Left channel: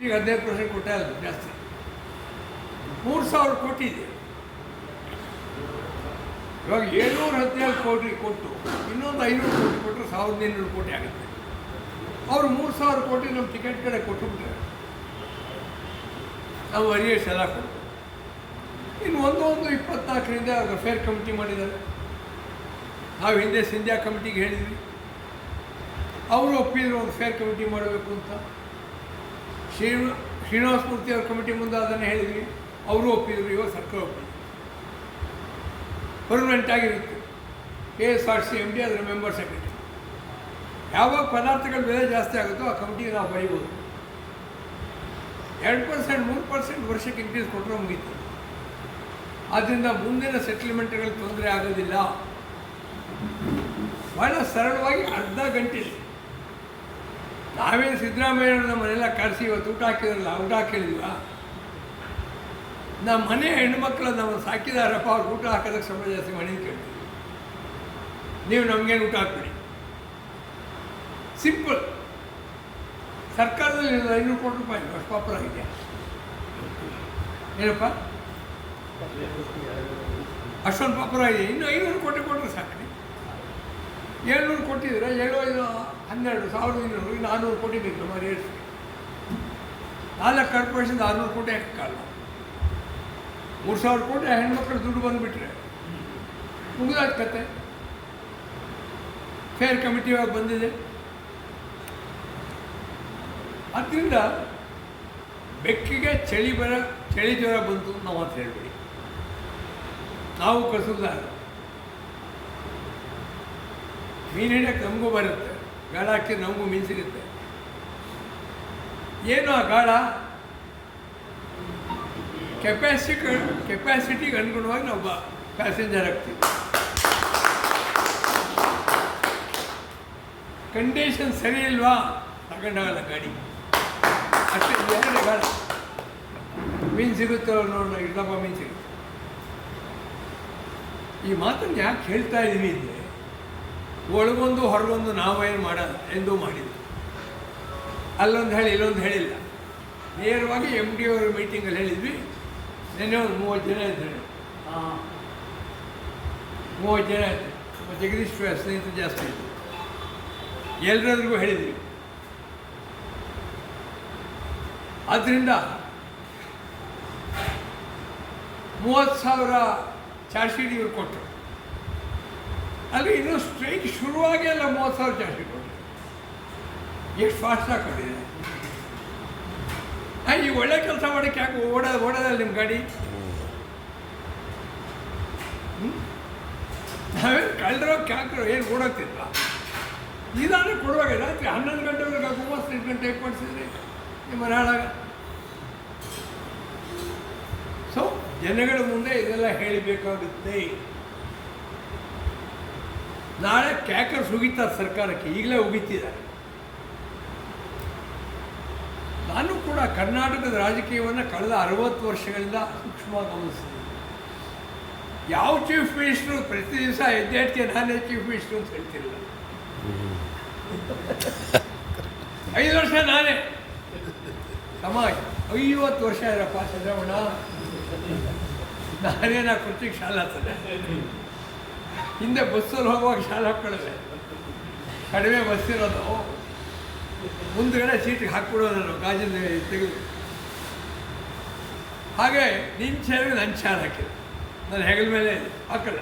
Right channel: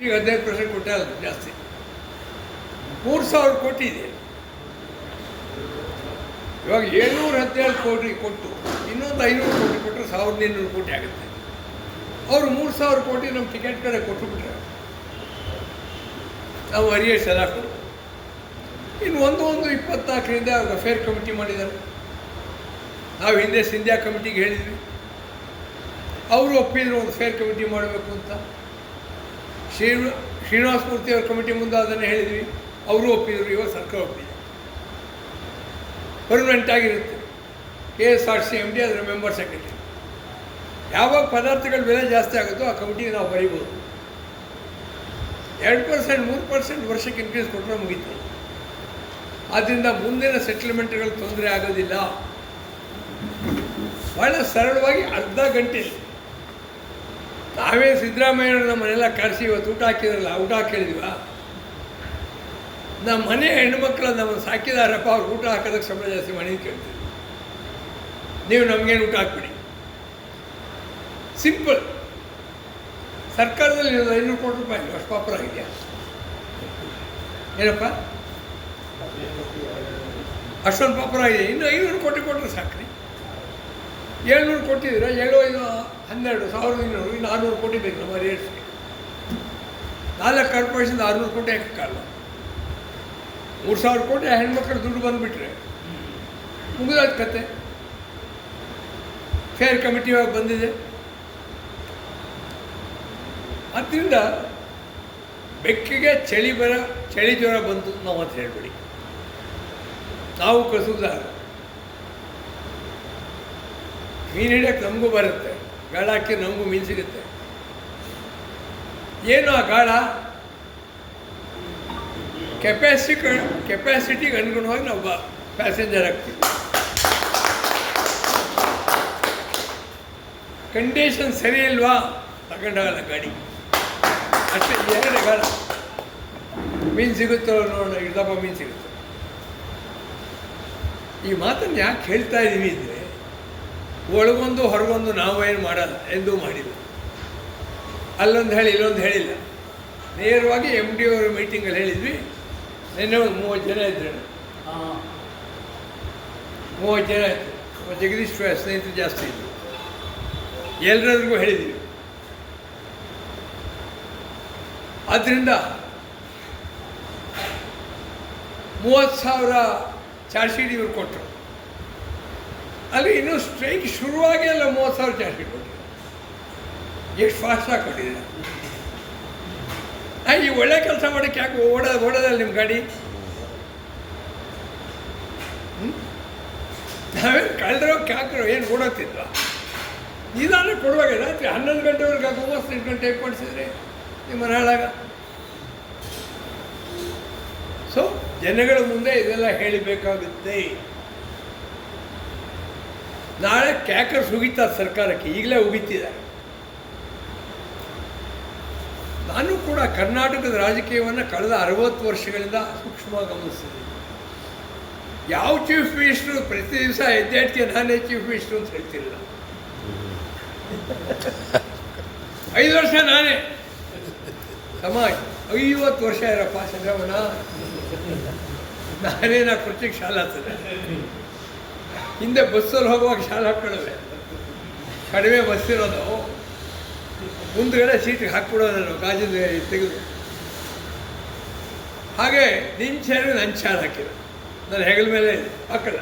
ಈಗ ಹದಿನೈದು ಪರ್ಸೆಂಟ್ ಕೊಟ್ಟೆ ಅದು ಜಾಸ್ತಿ. ಮೂರು ಸಾವಿರ ಕೋಟಿ ಇದೆ. ಇವಾಗ ಏಳ್ನೂರ ಹದಿನೇಳು ಕೋಟಿ ಕೊಟ್ಟು, ಇನ್ನೊಂದು ಐನೂರು ಕೋಟಿ ಕೊಟ್ಟರೆ ಸಾವಿರದ ಇನ್ನೂರು ಕೋಟಿ ಆಗುತ್ತೆ. ಅವರು ಮೂರು ಸಾವಿರ ಕೋಟಿ ನಮ್ಮ ಟಿಕೆಟ್ ಕಡೆ ಕೊಟ್ಟುಬಿಟ್ರೆ, ನಾವು ಅರಿಯೇಷ್ ಎಲ್ಲ ಕೊಡು. ಇನ್ನು ಒಂದು ಒಂದು ಇಪ್ಪತ್ನಾಲ್ಕರಿಂದ ಫೇರ್ ಕಮಿಟಿ ಮಾಡಿದ್ದಾರೆ. ನಾವು ಹಿಂದೆ ಸಿಂಧ್ಯಾ ಕಮಿಟಿಗೆ ಹೇಳಿದ್ವಿ. ಅವರು ಒಪ್ಪಿದ್ರು ಒಂದು ಫೇರ್ ಕಮಿಟಿ ಮಾಡಬೇಕು ಅಂತ. ಶ್ರೀ ಶ್ರೀನಿವಾಸ ಮೂರ್ತಿ ಅವ್ರ ಕಮಿಟಿ ಮುಂದೆ ಅದನ್ನು ಹೇಳಿದ್ವಿ. ಅವರು ಒಪ್ಪಿದ್ರು, ಇವಾಗ ಸರ್ಕಾರ ಒಪ್ಪಿದೆ. ಪರ್ಮನೆಂಟ್ ಆಗಿರುತ್ತೆ. K S R T C M D member secretary. ಯಾವಾಗ ಪದಾರ್ಥಗಳ ಬೆಲೆ ಜಾಸ್ತಿ ಆಗುತ್ತೋ ಆ ಕಮಿಟಿಗೆ ನಾವು ಬರೀಬೋದು. ಎರಡು ಪರ್ಸೆಂಟ್, ಮೂರು ಪರ್ಸೆಂಟ್ ವರ್ಷಕ್ಕೆ ಇನ್ಕ್ರೀಸ್ ಕೊಟ್ಟರೆ ಮುಗೀತು. ಆದ್ದರಿಂದ ಮುಂದಿನ ಸೆಟ್ಲ್ಮೆಂಟ್ಗಳು ತೊಂದರೆ ಆಗೋದಿಲ್ಲ. ಭಾಳ ಸರಳವಾಗಿ ಅರ್ಧ ಗಂಟೆಯಲ್ಲಿ ನಾವೇ ಸಿದ್ದರಾಮಯ್ಯವ್ರು ನಮ್ಮನ್ನೆಲ್ಲ ಕರೆಸಿ ಇವತ್ತು ಊಟ ಹಾಕಿದ್ರಲ್ಲ, ಊಟ ಹಾಕಿಳಿದ್ವ ನಮ್ಮ ಮನೆ ಹೆಣ್ಮಕ್ಳು ನಮ್ಮನ್ನು ಸಾಕಿದಾರಪ್ಪ ಅವ್ರು ಊಟ ಹಾಕೋದಕ್ಕೆ ಸಂಬಳ ಜಾಸ್ತಿ ಮನೆ ಕೇಳ್ತೀವಿ ನೀವು ನಮಗೇನು ಊಟ ಹಾಕ್ಬಿಡಿ. ಸಿಂಪಲ್ ಸರ್ಕಾರದಲ್ಲಿ ಐನೂರು ಕೋಟಿ ರೂಪಾಯಿ ಅಷ್ಟು ಪಾಪುರ ಆಗಿದೆಯಾ ಏನಪ್ಪ? ಅಷ್ಟೊಂದು ಪಾಪುರ ಆಗಿದೆ. ಇನ್ನು ಐನೂರು ಕೋಟಿ ಕೊಟ್ಟರೆ ಸಾಕ್ರಿ. ಏಳ್ನೂರು ಕೊಟ್ಟಿದ್ದೀರಾ? ಏಳು ಐದು ಹನ್ನೆರಡು, ಸಾವಿರದ ಇನ್ನೂರು, ಇನ್ನು ಆರುನೂರು ಕೋಟಿ ಬೇಕು ನಮ್ಮ ರೇಟ್ಸ್ಗೆ ನಾಲ್ಕು ಕಾರ್ಪೊರೇಷನ್ ಆರುನೂರು ಕೋಟಿ ಹಾಕಲ್ಲ ಮೂರು ಸಾವಿರ ಕೋಟಿ ಹೆಣ್ಮಕ್ಳು ದುಡ್ಡು ಬಂದುಬಿಟ್ರೆ. ಮುಗಿದಾದ ಕತೆ. ಫೇರ್ ಕಮಿಟಿ ಬಂದಿದೆ. ಅದರಿಂದ ಬೆಕ್ಕಿಗೆ ಚಳಿ ಬರ, ಚಳಿ ಜ್ವರ ಬಂತು ನಾವು ಅಂತ ಹೇಳ್ಬೇಡಿ. ನಾವು ಕಸುದಾರ. ಮೀನು ಹಿಡಿಯೋಕ್ಕೆ ನಮಗೂ ಬರುತ್ತೆ. ಗಾಳ ಹಾಕಿ ನಮಗೂ ಮೀನು ಸಿಗುತ್ತೆ. ಏನು ಆ ಗಾಳ? ಕೆಪಾಸಿಟಿ ಕೆಪಾಸಿಟಿಗೆ ಅನುಗುಣವಾಗಿ ನಾವು ಪ್ಯಾಸೆಂಜರ್ ಆಗ್ತೀವಿ ಕಂಡೀಷನ್ ಸರಿ ಇಲ್ವಾ? ತಗೊಂಡಾಗಲ್ಲ ಗಾಡಿ. ಅಷ್ಟೇ ಎರಡು ಗಾಳ. ಮೀನು ಸಿಗುತ್ತೋ ನೋಡೋಣ ಇಡ್ದಪ್ಪ ಮೀನು ಸಿಗುತ್ತೆ. ಈ ಮಾತನ್ನು ಯಾಕೆ ಹೇಳ್ತಾ ಇದ್ದೀನಿ ಅಂದರೆ ಒಳಗೊಂದು ಹೊರಗೊಂದು ನಾವು ಏನು ಮಾಡೋಲ್ಲ ಎಂದು ಮಾಡಿದ್ವಿ ಅಲ್ಲೊಂದು ಹೇಳಿ ಇಲ್ಲೊಂದು ಹೇಳಿಲ್ಲ. ನೇರವಾಗಿ ಎಂ ಡಿ ಅವರ ಮೀಟಿಂಗಲ್ಲಿ ಹೇಳಿದ್ವಿ. ನಿನ್ನೆ ಒಂದು ಮೂವತ್ತು ಜನ ಇದ್ದರು ಮೂವತ್ತು ಜನ ಇತ್ತು ಜಗದೀಶ್ ಸ್ನೇಹಿತರು ಜಾಸ್ತಿ ಇದ್ದರು ಎಲ್ಲರಿಗೂ ಹೇಳಿದ್ವಿ. ಆದ್ದರಿಂದ ಮೂವತ್ತು ಸಾವಿರ ಚಾರ್ಜ್ ಶೀಟ್ ಇವರು ಕೊಟ್ಟರು ಅಲ್ಲಿ ಇನ್ನೂ ಸ್ಟ್ರೈಕ್ ಶುರುವಾಗೇ ಎಲ್ಲ ಮೂವತ್ತು ಸಾವಿರ ಜಾಸ್ತಿ ಕೊಟ್ಟಿದೆ ಎಷ್ಟು ಫಾಸ್ಟಾಗಿ ಕೊಟ್ಟಿದೆ ಆ, ಈ ಒಳ್ಳೆ ಕೆಲಸ ಮಾಡೋಕ್ಕೆ ಯಾಕೆ ಓಡ ಓಡೋದಲ್ಲ ನಿಮ್ಮ ಗಾಡಿ? ನಾವೇನು ಕಳೆದ್ರೋ ಕ್ಯಾಕ್ರೋ ಏನು ಓಡೋಗ್ತಿದ್ವ ಇದಾದ್ರೆ ಕೊಡುವಾಗ ರಾತ್ರಿ ಹನ್ನೊಂದು ಗಂಟೆವರೆಗೆ ಮೂವತ್ತು ಎಂಟು ಗಂಟೆ ಕೊಡಿಸಿದ್ರೆ ನಿಮ್ಮ ನಾಳಾಗ ಸೊ ಜನಗಳ ಮುಂದೆ ಇದೆಲ್ಲ ಹೇಳಬೇಕಾಗುತ್ತೆ. ನಾಳೆ ಕ್ಯಾಕರ್ಸ್ ಉಗಿತಾರೆ ಸರ್ಕಾರಕ್ಕೆ, ಈಗಲೇ ಉಗಿತಿದ್ದಾರೆ ನಾನು ಕೂಡ ಕರ್ನಾಟಕದ ರಾಜಕೀಯವನ್ನು ಕಳೆದ ಅರವತ್ತು ವರ್ಷಗಳಿಂದ ಸೂಕ್ಷ್ಮವಾಗಿ ಗಮನಿಸ್ತೀನಿ ಯಾವ ಚೀಫ್ ಮಿನಿಸ್ಟ್ರು ಪ್ರತಿ ದಿವಸ ಎದ್ದೇಟ್ಗೆ ನಾನೇ ಚೀಫ್ ಮಿನಿಸ್ಟ್ರು ಅಂತ ಹೇಳ್ತಿರಲಿಲ್ಲ ಐದು ವರ್ಷ ನಾನೇ. ಸಮಾಜ, ಐವತ್ತು ವರ್ಷ ಇರಪ್ಪ ಚಂದ್ರವಣ್ಣ ನಾನೇ ನಾ ಕೃತಿಗೆ ಶಾಲಾ ಹಿಂದೆ ಬಸ್ಸಲ್ಲಿ ಹೋಗುವಾಗ ಶಾಲೆ ಹಾಕ್ಕೊಳ್ಳೋದೆ. ಕಡಿಮೆ ಬಸ್ ಇರೋದು ಮುಂದ್ಗಡೆ ಸೀಟಿಗೆ ಹಾಕ್ಬಿಡೋದು ನಾವು ಗಾಜಿನ ತೆಗೆದು. ಹಾಗೆ ನಿನ್ನ ಚೇರು ನನ್ನ ಹಾಕಿದೆ ಹಾಕಿದ. ನನ್ನ ಹೆಗಲ ಮೇಲೆ ಇದೆ ಹಾಕಲ್ಲ.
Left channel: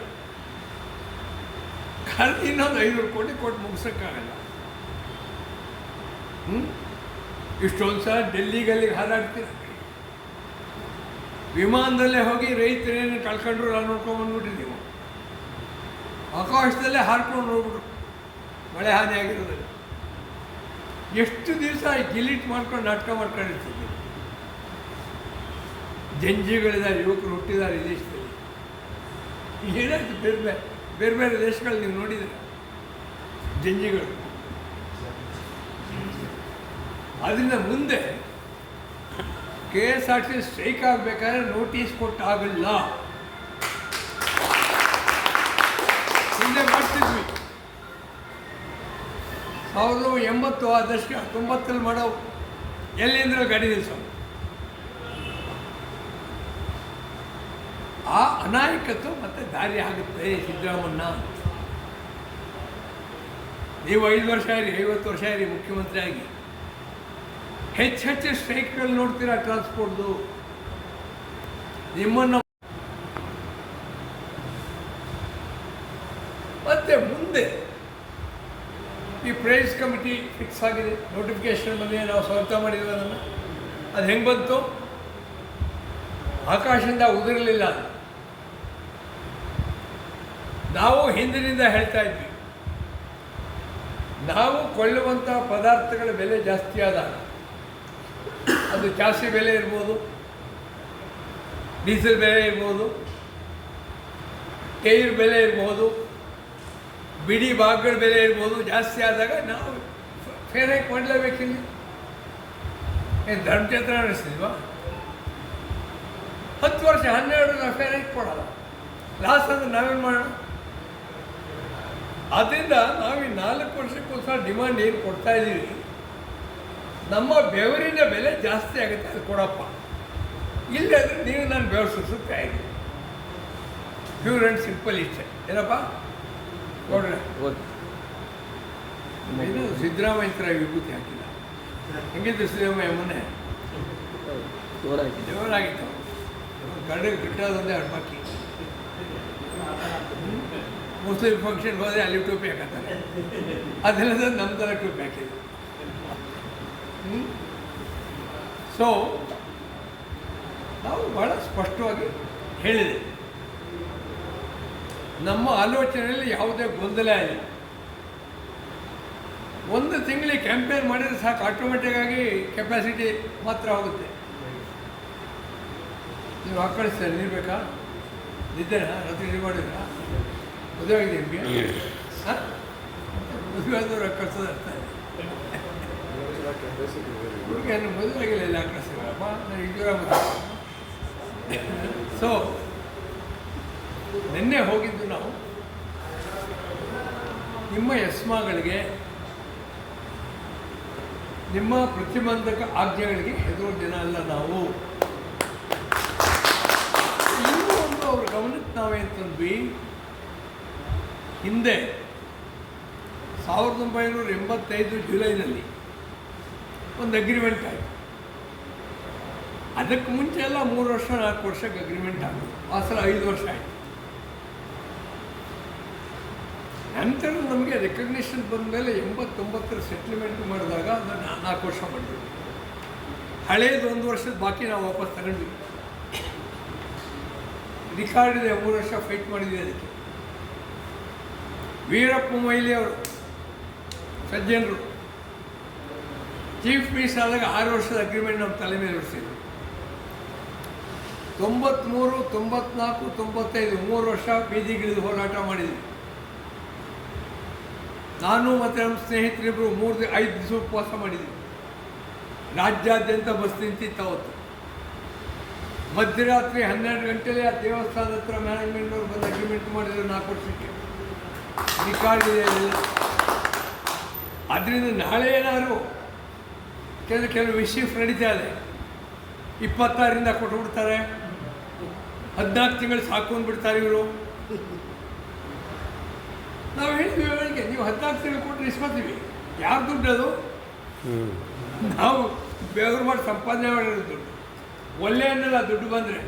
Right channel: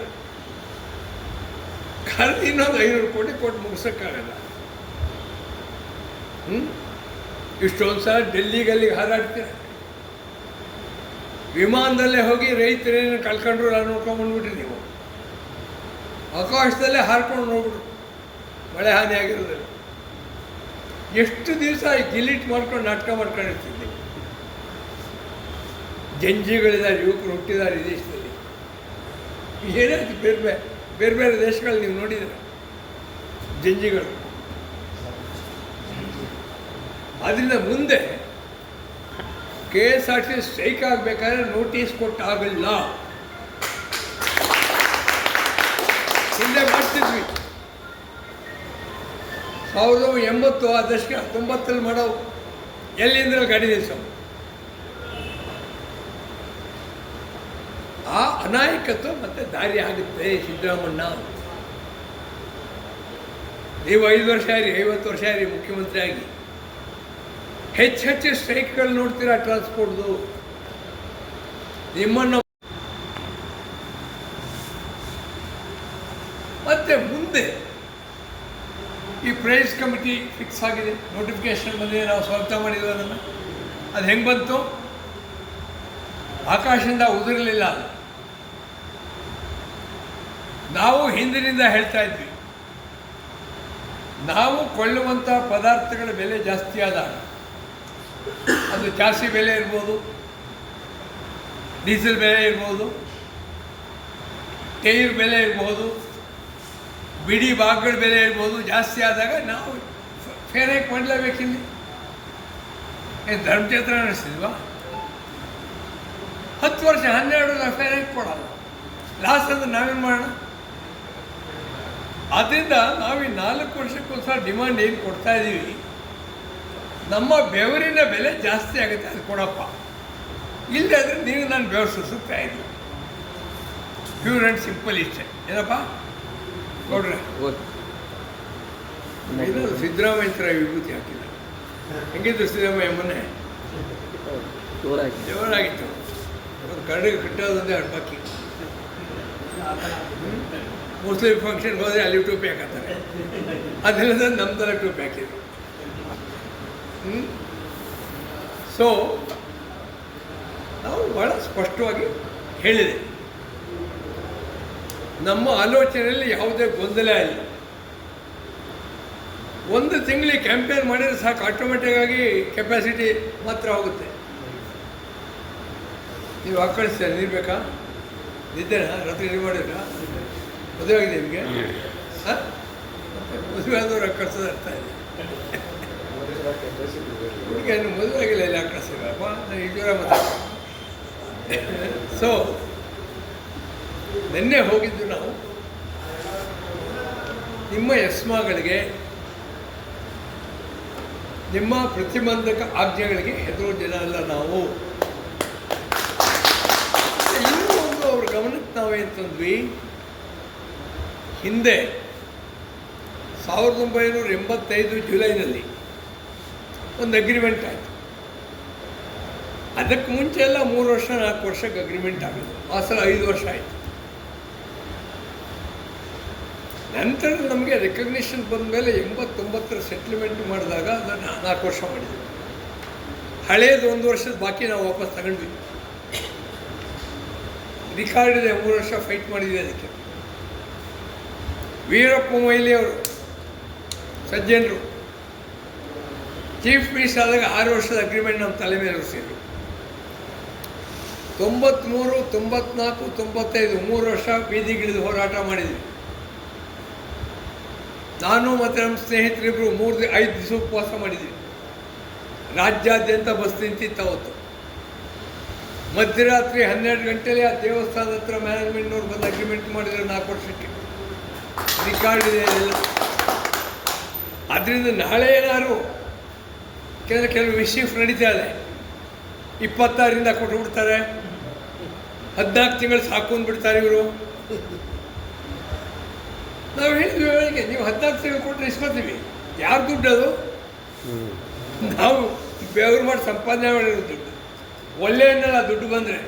ಕಳೆದ ಇನ್ನೊಂದು ಐನೂರು ಕೋಟಿ ಕೊಟ್ಟು ಮುಗಿಸೋಕ್ಕಾಗಲ್ಲ. ಹ್ಞೂ ಇಷ್ಟೊಂದು ಸಲ ಡೆಲ್ಲಿಗಲ್ಲಿ ಹಾರಾಡ್ತೀರ ವಿಮಾನದಲ್ಲೇ ಹೋಗಿ ರೈತರೇನು ಕಳ್ಕೊಂಡ್ರು, ನಾನು ನೋಡ್ಕೊಂಬಂದ್ಬಿಟ್ಟಿದ್ದೀನಿ ಆಕಾಶದಲ್ಲೇ ಹಾರ್ಕೊಂಡು ಹೋಗ್ಬಿಟ್ರು. ಮಳೆ ಹಾನಿ ಆಗಿರೋದಿಲ್ಲ ಎಷ್ಟು ದಿವಸ ಗಿಲಿಟ್ ಮಾಡ್ಕೊಂಡು ನಾಟಕ ಮಾಡ್ಕೊಂಡಿರ್ತಿದ್ದೆ. ಜಂಜಿಗಳಿದ್ದಾರೆ, ಯುವಕರು ಹುಟ್ಟಿದ್ದಾರೆ ಈ ದೇಶದಲ್ಲಿ. ಏನಾಯ್ತು ಬೇರೆ ಬೇರೆ ಬೇರೆ ಬೇರೆ ದೇಶಗಳು ನೀವು ನೋಡಿದ್ರೆ? ಜಂಜಿಗಳು. ಅದರಿಂದ ಮುಂದೆ K S R T strike ಆಗಬೇಕಾದ್ರೆ ನೋಟಿಸ್ ಕೊಟ್ಟಾಗಲ್ಲ. ಹಿಂದೆ ಮಾಡ್ತಿದ್ವಿ. ಸಾವಿರದ ಎಂಬತ್ತು ಆ ದಶಕ ತೊಂಬತ್ತಲ್ಲಿ ಮಾಡೋ ಎಲ್ಲಿಂದ ಗಾಡಿ ದಿವಸ ಆ ಅನಾಯಕತ್ವ ಮತ್ತೆ ದಾರಿ ಆಗುತ್ತೆ ಸಿದ್ದರಾಮಣ್ಣ ನೀವು ಐದು ವರ್ಷ ಇರಿ ಐವತ್ತು ವರ್ಷ ಇರಿ ಮುಖ್ಯಮಂತ್ರಿ ಆಗಿ. ಹೆಚ್ಚು ಹೆಚ್ಚು ಸ್ಟ್ರೈಕ್ಗಳು ನೋಡ್ತೀರಾ ಟ್ರಾನ್ಸ್ಪೋರ್ಟ್ದು ನಿಮ್ಮನ್ನು ಮತ್ತೆ ಮುಂದೆ ಈ ಪ್ರೈಸ್ ಕಮಿಟಿ ಫಿಕ್ಸ್ ಆಗಿದೆ. ನೋಟಿಫಿಕೇಶನ್ ಬಂದಿದೆ, ನಾವು ಸ್ವಾಗತ ಮಾಡಿದ್ವಿ ಅದನ್ನು. ಅದು ಹೆಂಗೆ ಬಂತು? ಆಕಾಶದಿಂದ ಉದುರಲಿಲ್ಲ ಅದು. ನಾವು ಹಿಂದಿನಿಂದ ಹೇಳ್ತಾ ಇದ್ವಿ. ನಾವು ಕೊಳ್ಳುವಂಥ ಪದಾರ್ಥಗಳ ಬೆಲೆ ಜಾಸ್ತಿ ಆದಾಗ, ಅದು ಜಾಸ್ತಿ ಬೆಲೆ ಇರ್ಬೋದು, ಡೀಸೆಲ್ ಬೆಲೆ ಇರ್ಬೋದು ಟೈರ್ ಬೆಲೆ ಇರ್ಬೋದು ಬಿಡಿ ಭಾಗಗಳ ಬೆಲೆ ಇರ್ಬೋದು, ಜಾಸ್ತಿ ಆದಾಗ ನಾವು ಫೇರ್ ಹೈಕ್ ಮಾಡಲೇಬೇಕಿಲ್ಲಿ ಏನು ಧರ್ಮಛತ್ರ ನಡೆಸಿದ್ವಾ? ಹತ್ತು ವರ್ಷ, ಹನ್ನೆರಡು ನಾವು ಫೇರ್ ಕೊಡಲ್ಲ. ಲಾಸ್ಟ್ ಅಂದ್ರೆ ನಾವೇನು ಮಾಡೋಣ? ಆದ್ದರಿಂದ ನಾವು ಈ ನಾಲ್ಕು ವರ್ಷಕ್ಕೋಸ್ಕರ ಡಿಮಾಂಡ್ ಏನು ಕೊಡ್ತಾ ಇದ್ದೀವಿ ನಮ್ಮ ಬೆವರಿನ ಬೆಲೆ ಜಾಸ್ತಿ ಆಗುತ್ತೆ, ಅದು ಕೊಡಪ್ಪ. ಇಲ್ಲದೆ ಆದರೆ ನೀವು ನಾನು ಬೆವರು ಸುರಿಸುತ್ತಾ ಇದ್ದೀನಿ ಪ್ಯೂರ್ ಆ್ಯಂಡ್ ಸಿಂಪಲ್ ಇಷ್ಟೆ. ಏನಪ್ಪ? ಕೊಡ್ರೆ ಇದು ಸಿದ್ದರಾಮಯ್ಯ ಥರ ವಿಭೂತಿ ಹಾಕಿಲ್ಲ. ಹೆಂಗಿದ್ರು ಸಿದ್ದರಾಮಯ್ಯ ಮೊನ್ನೆ? ಜೋರಾಗಿತ್ತು. ಒಂದು ಕರಡಿಗೆ ಕಟ್ಟೋದೊಂದೇ ಅಡ್ಬಾಕಿ. ಮುಸ್ಲಿಂ ಫಂಕ್ಷನ್ಗೆ ಹೋದರೆ ಅಲ್ಲಿ ಟೋಪಿ ಹಾಕತ್ತಾರೆ. ಅದೆಲ್ಲ ನಮ್ಮ ಥರ ಟೋಪಿ ಹಾಕಿದ್ರು. ಸೊ ನಾವು ಭಾಳ ಸ್ಪಷ್ಟವಾಗಿ ಹೇಳಿದೆ. ನಮ್ಮ ಆಲೋಚನೆಯಲ್ಲಿ ಯಾವುದೇ ಗೊಂದಲ ಇಲ್ಲ. ಒಂದು ತಿಂಗಳಿಗೆ ಕ್ಯಾಂಪೇನ್ ಮಾಡಿದರೆ ಸಾಕು ಆಟೋಮೆಟಿಕ್ ಆಗಿ ಕೆಪಾಸಿಟಿ ಮಾತ್ರ ಹೋಗುತ್ತೆ ನೀವು ಆಕಳಿಸ್ತೀರ ನೀರು ಬೇಕಾ? ನಿದ್ದೆನಾ? ರಾತ್ರಿ ನೀರು ಮಾಡಿದ್ರಾ? ಮದುವೆ ಆಗಿದೆ ನಿಮಗೆ? ಹಾಂ? ಮದುವೆ ಆದವ್ರು ಕಳ್ಸೋದು ಅರ್ಥ ಇದೆ ನಿಮಗೆ ಮದುವೆ ಆಗಿಲ್ಲ, ಎಲ್ಲ ಕಳಿಸಿರಪ್ಪ ನಾನು ಇಜೂರ ಮಾತಾಡ್ತೀನಿ. ಸೊ ನಿನ್ನೆ ಹೋಗಿದ್ದು ನಾವು. ನಿಮ್ಮ ಯಸ್ಮಾಗಳಿಗೆ, ನಿಮ್ಮ ಪ್ರತಿಬಂಧಕ ಆಜ್ಞೆಗಳಿಗೆ ಹೆದರೋ ಜನ ಅಲ್ಲ ನಾವು. ಇನ್ನೂ ಒಂದು ಅವ್ರ ಗಮನಕ್ಕೆ ನಾವೇನು ತಂದ್ವಿ ಹಿಂದೆ ಸಾವಿರದ ಒಂಬೈನೂರ ಎಂಬತ್ತೈದು ಜುಲೈನಲ್ಲಿ ಒಂದು ಅಗ್ರಿಮೆಂಟ್ ಆಯಿತು. ಅದಕ್ಕೆ ಮುಂಚೆ ಎಲ್ಲ ಮೂರು ವರ್ಷ ನಾಲ್ಕು ವರ್ಷಕ್ಕೆ ಅಗ್ರಿಮೆಂಟ್ ಆಗೋದು. ಆ ಸಲ ಐದು ವರ್ಷ ಆಯಿತು. ನಂತರ ನಮಗೆ ರೆಕಗ್ನಿಷನ್ ಬಂದ ಮೇಲೆ ಎಂಬತ್ತೊಂಬತ್ತರ ಸೆಟ್ಲ್ಮೆಂಟ್ ಮಾಡಿದಾಗ ಅದನ್ನು ನಾಲ್ಕು ವರ್ಷ ಮಾಡಿದ್ವಿ. ಹಳೇದು ಒಂದು ವರ್ಷದ ಬಾಕಿ ನಾವು ವಾಪಸ್ ತಗೊಂಡ್ವಿ. ರಿಕಾರ್ಡ್ ಇದೆ ಮೂರು ವರ್ಷ ಫೈಟ್ ಮಾಡಿದ್ವಿ ಅದಕ್ಕೆ. ವೀರಪ್ಪ ಮೊಯ್ಲಿ ಅವರು, ಸಜ್ಜನರು ಚೀಫ್ ಮಿನಿಸ್ಟರ್ ಆದಾಗ ಆರು ವರ್ಷದ ಅಗ್ರಿಮೆಂಟ್ ನಮ್ಮ ತಲೆ ಮೇಲೆ ಹೊರಿಸಿದ್ರು ತೊಂಬತ್ತ್ಮೂರು ತೊಂಬತ್ನಾಲ್ಕು, ತೊಂಬತ್ತೈದು ಮೂರು ವರ್ಷ ಬೀದಿಗಿಳಿದು ಹೋರಾಟ ಮಾಡಿದ್ವಿ. ನಾನು ಮತ್ತು ನಮ್ಮ ಸ್ನೇಹಿತರಿಬ್ಬರು ಮೂರು ದಿ ಐದು ದಿವಸ ಉಪವಾಸ ಮಾಡಿದ್ವಿ. ರಾಜ್ಯಾದ್ಯಂತ ಬಸ್ ನಿಂತಿತ್ತು ಅವತ್ತು. ಮಧ್ಯರಾತ್ರಿ ಹನ್ನೆರಡು ಗಂಟೆಲಿ ಆ ದೇವಸ್ಥಾನದ ಹತ್ರ ಮ್ಯಾನೇಜ್ಮೆಂಟ್ನವ್ರು ಬಂದು ಅಗ್ರಿಮೆಂಟ್ ಮಾಡಿದ್ರು ನಾಲ್ಕು ವರ್ಷಕ್ಕೆ. ರಿಕಾರ್ಡ್ ಇದೆ ಅದರಿಂದ ನಾಳೆ ಏನಾದ್ರು ಕೆಲವು ಕೆಲವು ವಿಷಯ ನಡೀತಾ ಇದೆ. ಇಪ್ಪತ್ತಾರರಿಂದ ಕೊಟ್ಬಿಡ್ತಾರೆ ಹದಿನಾಲ್ಕು ತಿಂಗಳು ಸಾಕು ಅಂದ್ಬಿಡ್ತಾರೆ ಇವರು. ನಾವು ಹೇಳಿದ್ವಿ ಅವರಿಗೆ ನೀವು ಹದಿನಾಲ್ಕು ಸಾವಿರ ಕೊಟ್ಟರೆ ಇಸ್ಕೊತೀವಿ ಯಾರು ದುಡ್ಡು ಅದು? ನಾವು ಬೆವರು ಮಾಡಿ ಸಂಪಾದನೆ ಮಾಡಿರೋ ದುಡ್ಡು. ಒಳ್ಳೆ ಹಣ್ಣಲ್ಲ ದುಡ್ಡು ಬಂದರೆ.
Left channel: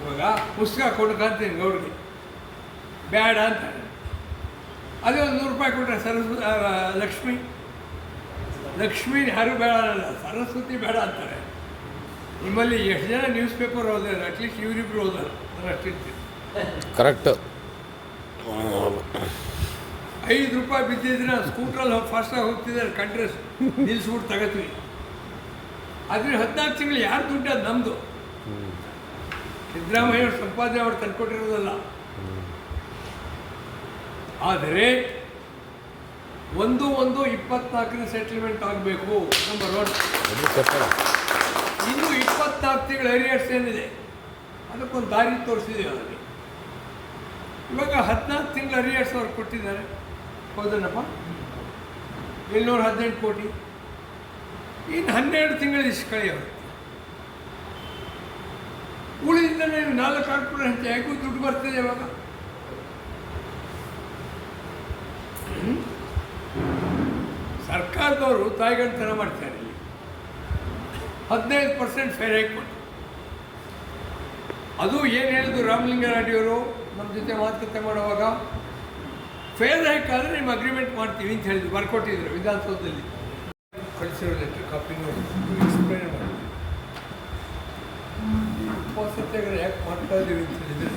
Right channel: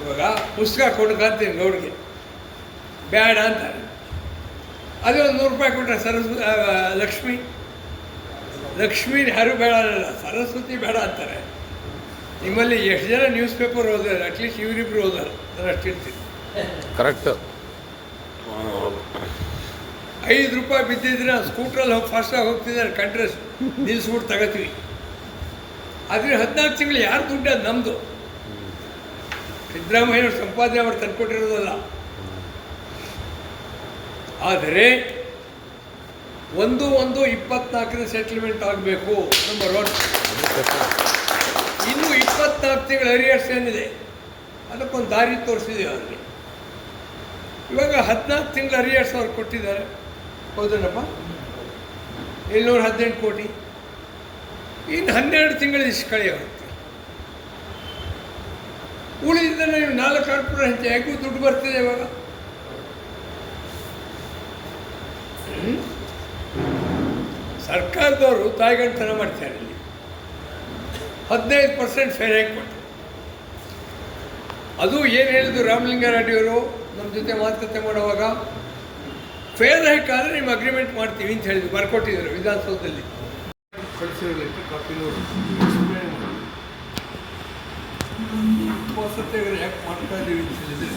ಇವಾಗ ಪುಸ್ತಕ ಕೊಡ್ಕಂತೀನಿ ಗೌಡ್ಗೆ ಬೇಡ ಅಂತಾರೆ. ಅದೇ ಒಂದು ನೂರು ರೂಪಾಯಿ ಕೊಟ್ಟರೆ ಸರಸ್ವತಿ ಲಕ್ಷ್ಮಿ. ಲಕ್ಷ್ಮೀ ಯಾರು ಬೇಡ ಅನ್ನಲ್ಲ ಸರಸ್ವತಿ ಬೇಡ ಅಂತಾರೆ. ನಿಮ್ಮಲ್ಲಿ ಎಷ್ಟು ಜನ ನ್ಯೂಸ್ ಪೇಪರ್ ಓದಿದ್ದಾರೆ ಅಟ್ಲೀಸ್ಟ್ ಇವರಿಬ್ರು ಓದಲ್ಲ. ನಾನು ಅಷ್ಟು ಇರ್ತೀನಿ ಕರೆಕ್ಟ್ ಐದು ರೂಪಾಯಿ ಬಿದ್ದಿದ್ರೆ ಸ್ಕೂಟ್ರಲ್ಲಿ ಹೋಗಿ ಫಾಸ್ಟಾಗಿ ಹೋಗ್ತಿದ್ದಾರೆ ಕಂಟ್ರೆಸ್ಟ್ ನಿಲ್ಲಿಸ್ಬಿಟ್ಟು ತಗೋತೀವಿ. ಆದರೆ ಹದಿನಾಲ್ಕು ತಿಂಗಳು ಯಾರು ದುಡ್ಡು ಅದು ನಮ್ಮದು ಸಿದ್ದರಾಮಯ್ಯವ್ರು ಸಂಪಾದನೆ ಅವ್ರು ತಂದ್ಕೊಟ್ಟಿರೋದಲ್ಲ. ಆದರೆ ಒಂದು ಒಂದು ಇಪ್ಪತ್ನಾಲ್ಕನೇ ಸೆಟ್ಲ್ಮೆಂಟ್ ಆಗಬೇಕು ನಂಬರ್ ಒನ್ ಇನ್ನು ಇಪ್ಪತ್ನಾಲ್ಕು ತಿಂಗಳು ಹರಿಯರ್ಸ್ ಏನಿದೆ? ಅದಕ್ಕೊಂದು ದಾರಿ ತೋರಿಸಿದೆ ಅವ್ರಿಗೆ. ಇವಾಗ ಹದಿನಾಲ್ಕು ತಿಂಗಳು ಹರಿಯರ್ಸ್ ಅವ್ರು ಕೊಟ್ಟಿದ್ದಾರೆ. ಹೋದ್ರಪ್ಪ ಏಳ್ನೂರ ಹದಿನೆಂಟು ಕೋಟಿ. ಇನ್ನು ಹನ್ನೆರಡು ತಿಂಗಳು ಇಷ್ಟು ಕಳೆಯೋರುತ್ತೆ ಉಳಿದಿಂದ ನೀವು ನಾಲ್ಕು ಕಾರ್ಪೊರೇಟ್ ಹೆಂಚ ಹೇಗೂ ದುಡ್ಡು ಬರ್ತಿದೆ ಇವಾಗ? ಸರ್ಕಾರದವರು ತಾಯಿಗಂಟನ ಮಾಡ್ತಾರೆ ಇಲ್ಲಿ. ಹದಿನೈದು ಪರ್ಸೆಂಟ್ ಫೇರ್ ಹಾಕಿ ಕೊಟ್ಟು ಅದು ಏನು ಹೇಳಿದ್ರು ರಾಮಲಿಂಗಾರೆಡ್ಡಿಯವರು ನಮ್ಮ ಜೊತೆ ಮಾತುಕತೆ ಮಾಡುವಾಗ ಫೇರ್ ಹೈಕ್ ಆದರೆ ನಿಮ್ಮ ಅಗ್ರಿಮೆಂಟ್ ಮಾಡ್ತೀವಿ ಅಂತ ಹೇಳಿದ್ರು, ಬರ್ಕೊಟ್ಟಿದ್ರು ವಿಧಾನಸೌಧದಲ್ಲಿ. ಸತ್ಯಾಗ್ರಹ ಯಾಕೆ ಮಾಡ್ತಾ ಇದ್ದೀವಿ ಅಂತ ಹೇಳಿದರೆ,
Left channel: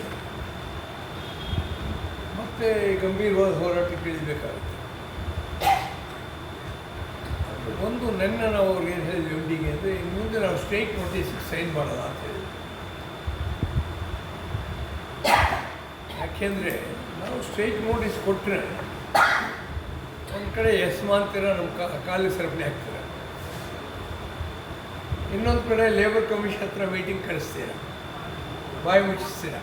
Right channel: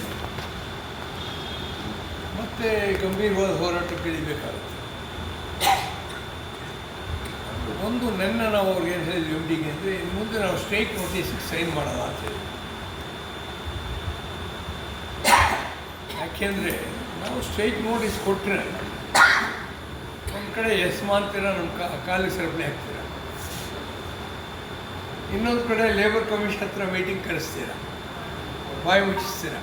ಮತ್ತೆ ಗಂಭೀರವಾದ ಹೋರಾಟಕ್ಕೆ ಇಳಿಬೇಕಾಗುತ್ತೆ ಒಂದು, ನನ್ನ ನಾವು ಅವ್ರಿಗೆ ಏನು ಹೇಳಿದ್ವಿ ಎಂ ಅಂದರೆ, ಇನ್ನು ಮುಂದೆ ನಾವು ಸ್ಟ್ರೈಕ್ ನೋಟಿಸ್ಗೆ ಸೈನ್ ಮಾಡಲ್ಲ ಅಂತ ಹೇಳಿ ಯಾಕೆಂದರೆ ನಾವು ಸ್ಟ್ರೈಕ್ ನೋಟಿಸ್ ಕೊಟ್ಟರೆ ಒಂದು ಕಡೆ ಎಸ್ ಅಂತೀರ ನಮ್ಮ ಕ ಕಾಲಿಗೆ ಸರಪಣಿ ಹಾಕ್ತೀರ ಇನ್ನೊಂದು ಕಡೆ ಲೇಬರ್ ಕಮಿಷನ್ ಹತ್ರ ಮೀಟಿಂಗ್ ಕರೆಸ್ತೀರ? ಬಾಯಿ ಮುಚ್ಚಿಸ್ತೀರ?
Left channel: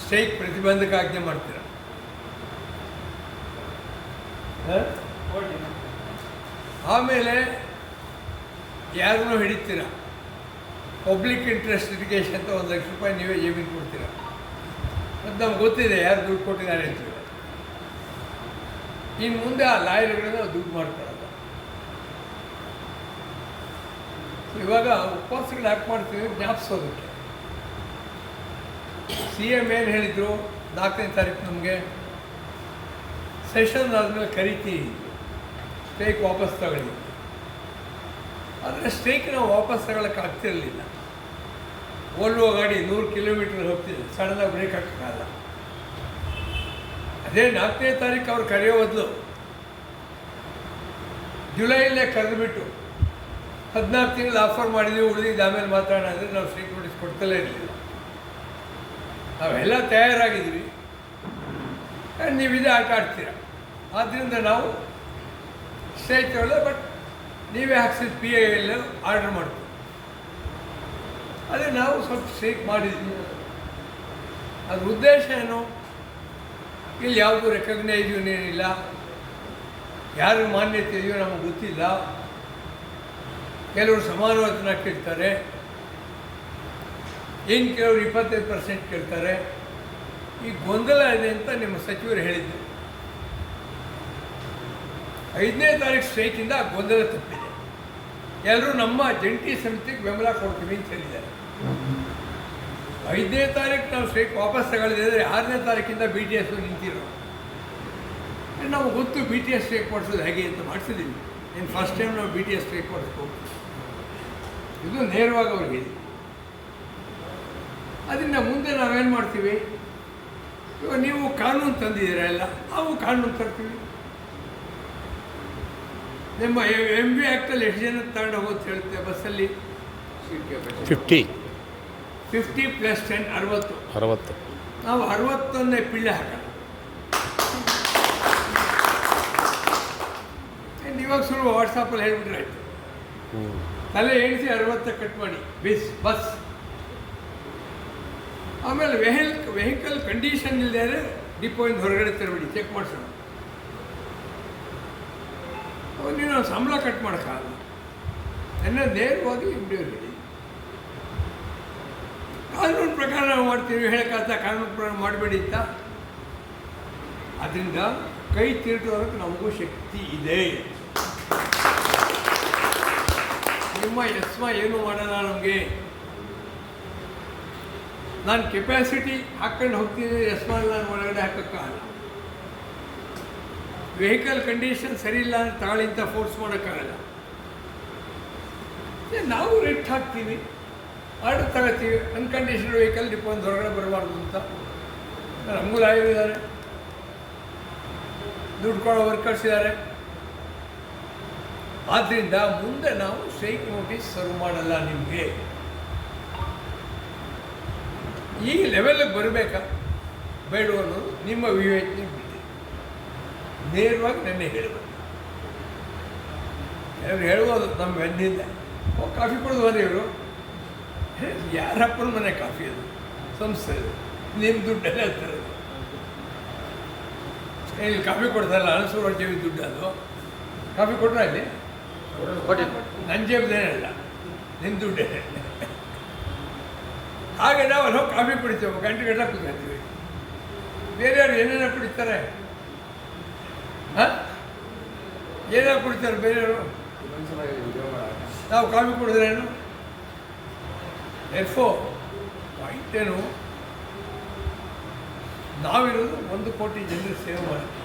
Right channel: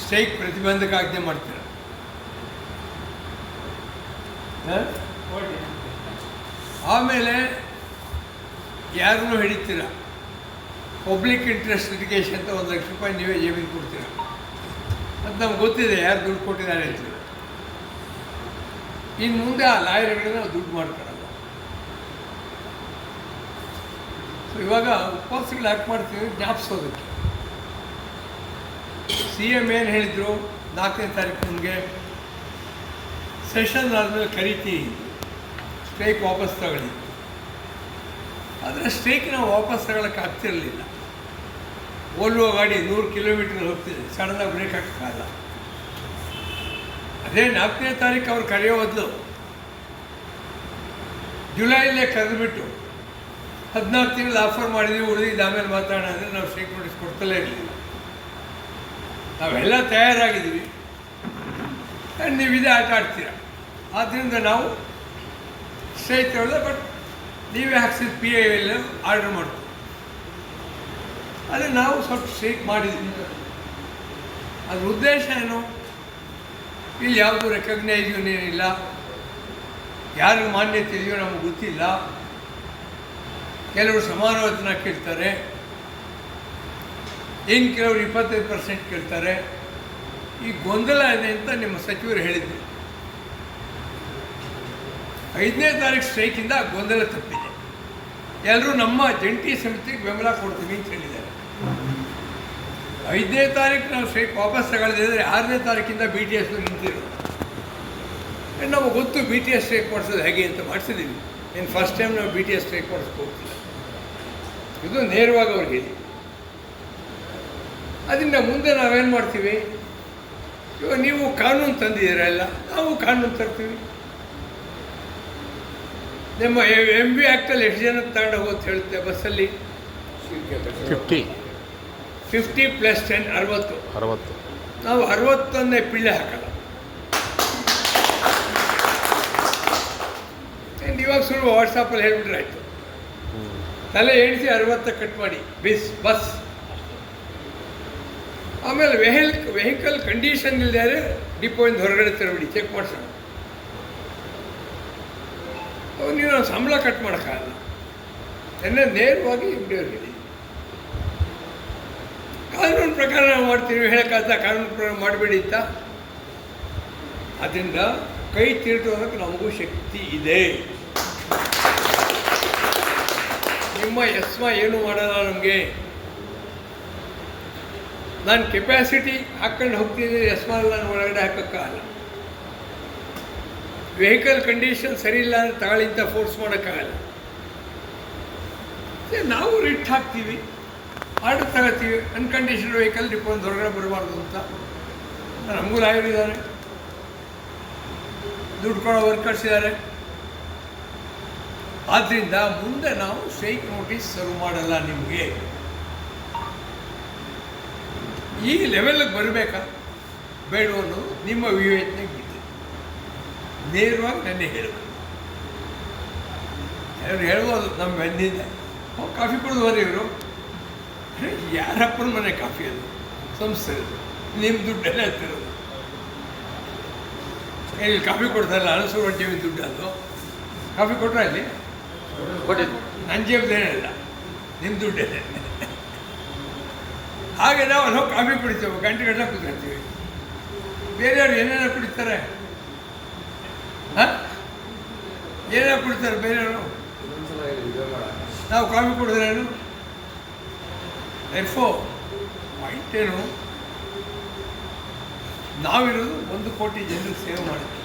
ಸ್ಟ್ರೈಕ್ ಪ್ರತಿಬಂಧಕ ಆಜ್ಞೆ ಮಾಡ್ತೀರ? ಆಮೇಲೆ ಯಾರನ್ನೂ ಹಿಡಿತೀರ? ಪಬ್ಲಿಕ್ ಇಂಟ್ರೆಸ್ಟ್ ಲಿಟಿಗೇಷನ್ ಅಂತ ಒಂದು ಲಕ್ಷ ರೂಪಾಯಿ ನೀವೇ ಜೇಬಿಗೆ ಕೊಡ್ತೀರ? ಅದು ನಮ್ಗೆ ಗೊತ್ತಿದೆ ಯಾರು ದುಡ್ಡು ಕೊಟ್ಟಿದ್ದಾರೆ ಅಂತ. ಇನ್ನು ಮುಂದೆ ಆ ಲಾಯರ್ಗಳಿಂದ ದುಡ್ಡು ಸೊ ಇವಾಗ ಉಪವಾಸಗಳು ಯಾಕೆ ಮಾಡ್ತೀವಿ ಜ್ಞಾಪಿಸೋದಕ್ಕೆ ಸಿ ಎಂ ಏನು ಹೇಳಿದರು? ನಾಲ್ಕನೇ ತಾರೀಕು ನಮಗೆ. ಸೆಷನ್ ಆದಮೇಲೆ ಕರಿತೀನಿ. ಸ್ಟ್ರೈಕ್ ವಾಪಸ್ ತಗೊಳ್ಳಿ. ಆದರೆ ಸ್ಟ್ರೈಕ್ ನಾವು ವಾಪಸ್ ತಗೊಳಕ್ಕೆ ಆಗ್ತಿರಲಿಲ್ಲ. ಓಲ್ವೋ ಗಾಡಿ ನೂರು ಕಿಲೋಮೀಟರ್ ಹೋಗ್ತಿದೆ. ಸಡನ್ನಾಗಿ ಬ್ರೇಕ್ ಹಾಕೋಕ್ಕಾಗಲ್ಲ ಅದೇ ನಾಲ್ಕನೇ ತಾರೀಕು ಅವ್ರು ಕರೆಯೋ ಬದಲು ಜುಲೈಲೇ ಕರೆದುಬಿಟ್ಟು ಹದಿನಾಲ್ಕು ತಿಂಗಳು ಆಫರ್ ಮಾಡಿದ್ವಿ, ಉಳಿದಿದ್ದು ಆಮೇಲೆ ಮಾತಾಡೋಣ ಅಂದರೆ ನಾವು ಸ್ಟ್ರೈಕ್ ನೋಟಿಸ್ ಕೊಡ್ತಲೇ ಇರಲಿಲ್ಲ. ನಾವೆಲ್ಲ ತಯಾರಾಗಿದ್ದೀವಿ. ನೀವು ಇದೇ ಆಟ ಆಡ್ತೀರ. ಆದ್ದರಿಂದ ನಾವು ಸ್ಟ್ರೈಕ್ ಬಟ್ ನೀವೇ ಹಾಕ್ಸಿದ ಪಿ ಐ ಎಲ್ ಆರ್ಡರ್ ಮಾಡ್ತೀವಿ. ಅದೇ ನಾವು ಸ್ವಲ್ಪ ಸ್ಟ್ರೀಕ್ ಮಾಡಿದ್ವಿ. ಅದ್ರ ಉದ್ದೇಶ ಏನು? ಇಲ್ಲಿ ಯಾವುದು ರೆಕಗ್ನೈಸ್ ಏನಿಲ್ಲ. ಯಾರಿಗೆ ಮಾನ್ಯತೆ ಇದೆಯೋ ನಮಗೆ ಗೊತ್ತಿಲ್ಲ. ಕೆಲವರು ಸಮಾನವಚನ ಕೇಳ್ತಾರೆ. ಇನ್ನು ಕೆಲವರು ಇಪ್ಪತ್ತೈದು ಪರ್ಸೆಂಟ್ ಕೇಳ್ತಾರೆ. ಈ ಗೊಂದಲ ಇದೆ ಅಂತ ನಿಮ್ಮ ಸಚಿವರು ಹೇಳಿದ್ದರು ಐದನೇ ತಾರೀಕು ಸ್ಟ್ರೈಕಿಂದ ಗೊಂದಲ ತಪ್ಪಿದೆ. ಎಲ್ಲರೂ ನಮ್ಮ ಜಂಟಿ ಸಮಿತಿಗೆ ಬೆಂಬಲ ಕೊಡ್ತೀವಿ ಅಂತ ಹೇಳಿದ್ದಾರೆ. ಐದನೇ ತಾರೀಕು ನಾವು ಸ್ಟ್ರೈಕ್ ವಾಪಸ್ ತಗೊಳ್ದಿದ್ರೆ ಆರನೇ ತಾರೀಕಿಂದ ಬಿ ಟಿ ಎಸ್ ನಿಂತಿರೋದು. ನಮಗೆ ಗೊತ್ತು ಬಿ ಟಿ ಎಸ್ ಸ್ಟ್ರೈಕ್ ಮಾಡಿಸೋದು ಹೇಗೆ ಅಂತ ಮಾಡಿಸಿದ್ದೀವಿ ಇನ್ನು ಫಸ್ಟ್ ಟೈಮ್ ನಾವು ಬಿ ಟಿ ಎಸ್ ಸ್ಟ್ರೈಕ್ ಮಾಡಿಸ್ಕೊಡ್ತೀವಿ ಇದು ನೇರವಾಗಿ ಅವ್ರಿಗೆ ಹೇಳಿ. ಅದರಿಂದ ಮುಂದೆ ನಾವೇನು ಮಾಡ್ತೀವಿ? ಇವಾಗ ನೀವು ಕಾನೂನು ತಂದಿದ್ದೀರ ಎಲ್ಲ ನಾವು ಕಾನೂನು ತರ್ತೀವಿ. ನಿಮ್ಮ ಎಂ ಬಿ ಆ್ಯಕ್ಟಲ್ಲಿ ಎಷ್ಟು ಜನ ತಗೊಂಡು ಹೋಗೋದು ಹೇಳುತ್ತೆ ಬಸ್ಸಲ್ಲಿ? ಫಿಫ್ಟಿ ಫಿಫ್ಟಿ ಪ್ಲಸ್ ಟೆನ್ ಅರವತ್ತು. ಅರವತ್ತು. ನಾವು ಅರವತ್ತೊಂದನೇ ಪಿಳ್ಳೆ ಹಾಕಲ್ಲ. ಆ್ಯಂಡ್ ಇವಾಗ ಸುಳ್ಳು ವಾಟ್ಸಪ್ಪಲ್ಲಿ ಹೇಳ್ಬಿಟ್ರೆ ಆಯಿತು. ತಲೆ ಎಣಿಸಿ ಅರವತ್ತ ಕಟ್ ಮಾಡಿ. ಬಿಸ್ ಬಸ್ ಆಮೇಲೆ ವೆಹಿಲ್ ವೆಹಿಕಲ್ ಕಂಡೀಷನ್ ಇಲ್ಲದೆ ಡಿಪೋಯಿಂದ ಹೊರಗಡೆ ತರಬೇಡಿ ಚೆಕ್ ಮಾಡಿಸೋಣ. ನೀವು ನಾವು ಸಂಬಳ ಕಟ್ ಮಾಡೋಕ್ಕಾಗಲ್ಲ ತನ್ನ ನೇರವಾಗಿ ಹಿಡಿಯೋದು ಕಾನೂನು ಪ್ರಕಾರ ನಾವು ಮಾಡ್ತೀವಿ ಹೇಳಕ್ಕಾಗ್ತಾ ಕಾನೂನು ಪ್ರಕಾರ ಮಾಡಬೇಡಿ ಅಂತ. ಅದರಿಂದ ಕೈ ತಿರುಟೋದಕ್ಕೆ ನಮಗೂ ಶಕ್ತಿ ಇದೆ. ನಿಮ್ಮ ಎಸ್ಮ ಏನು ಮಾಡಲ್ಲ ನಮಗೆ? ನಾನು ಕೆಪ್ಯಾಸಿಟಿ ಹಾಕ್ಕೊಂಡು ಹೋಗ್ತಿದ್ದೆ ಎಸ್ಮಾಲ್ ನಾನು ಒಳಗಡೆ ಹಾಕೋಕ್ಕಾಗಲ್ಲ ವೆಹಿಕಲ್ ಕಂಡೀಷನ್ ಸರಿ ಇಲ್ಲ ಅಂದರೆ ಅಂತ ಫೋರ್ಸ್ ಮಾಡೋಕ್ಕಾಗಲ್ಲ. ನಾವು ರಿಟ್ ಹಾಕ್ತೀವಿ ಆರ್ಡರ್ ತಗೋತೀವಿ ಅನ್ಕಂಡೀಷನ್ ವೆಹಿಕಲ್ ಡಿಪೋನ್ ಹೊರಗಡೆ ಬರಬಾರ್ದು ಅಂತ. ನಮಗೂ ಲಾಯರ್ ಇದ್ದಾರೆ ದುಡ್ಡು ಕೊಡೋ ವರ್ಕರ್ಸ್ ಇದ್ದಾರೆ. ಆದ್ದರಿಂದ ಮುಂದೆ ನಾವು ಸ್ಟ್ರೈಕ್ ನೋಟಿಸ್ ಸರ್ವ್ ಮಾಡಲ್ಲ ನಿಮಗೆ. ಈ ಲೆವೆಲ್ಗೆ ಬರಬೇಕಾ? ಬೇಡ ನಿಮ್ಮ ವಿವೇಚನೆಗೆ ನೇರವಾಗಿ ನೆನ್ನೆ ಹೇಳಬೇಕು ಅವ್ರು ಹೇಳ್ಬೋದು ನಮ್ಮ ಬೆನ್ನಿಂದ ಹೋಗಿ ಕಾಫಿ ಕುಡಿದು ಬರೀ ಇವರು? ಯಾರಪ್ಪನ ಮನೆ ಕಾಫಿ ಅದು? ಸಂಸ್ಥೆ ನಿಮ್ಮ ದುಡ್ಡಲ್ಲೇ ಹೇಳ್ತಿರೋದು ಇಲ್ಲಿ ಕಾಫಿ ಕೊಡ್ತಾರಲ್ಲ ಅನಸೂರು ಜೇಬಿ ದುಡ್ಡು ಅದು. ಕಾಫಿ ಕೊಟ್ಟರೆ ಅಲ್ಲಿ ನನ್ನ ಜೇಬ್ದೇನಲ್ಲ ನಿಮ್ಮ ದುಡ್ಡೇ. ಹಾಗೆ ನಾವು ಅಲ್ಲಿ ಹೋಗಿ ಕಾಫಿ ಕುಡಿತೇವೆ. ಗಂಟೆ ಗಂಟೆ ಕುತ್ಕೊಳ್ತೀವಿ ಬೇರೆಯವ್ರು ಏನೇನೋ ಕುಡಿತಾರೆ? ಹಾಂ? ಕೊಡ್ತಾರೆ ಕುಡಿತಾರೆ ಬೇರೆಯವರು? ನಾವು ಕಾಫಿ ಕುಡಿದ್ರೇನು ಎಫೋ ವೈಟ್ ಏನು ನಾವಿರೋದು ಒಂದು ಕೋಟಿ ಜನರು ಸೇವೆ ಮಾಡ್ತೀವಿ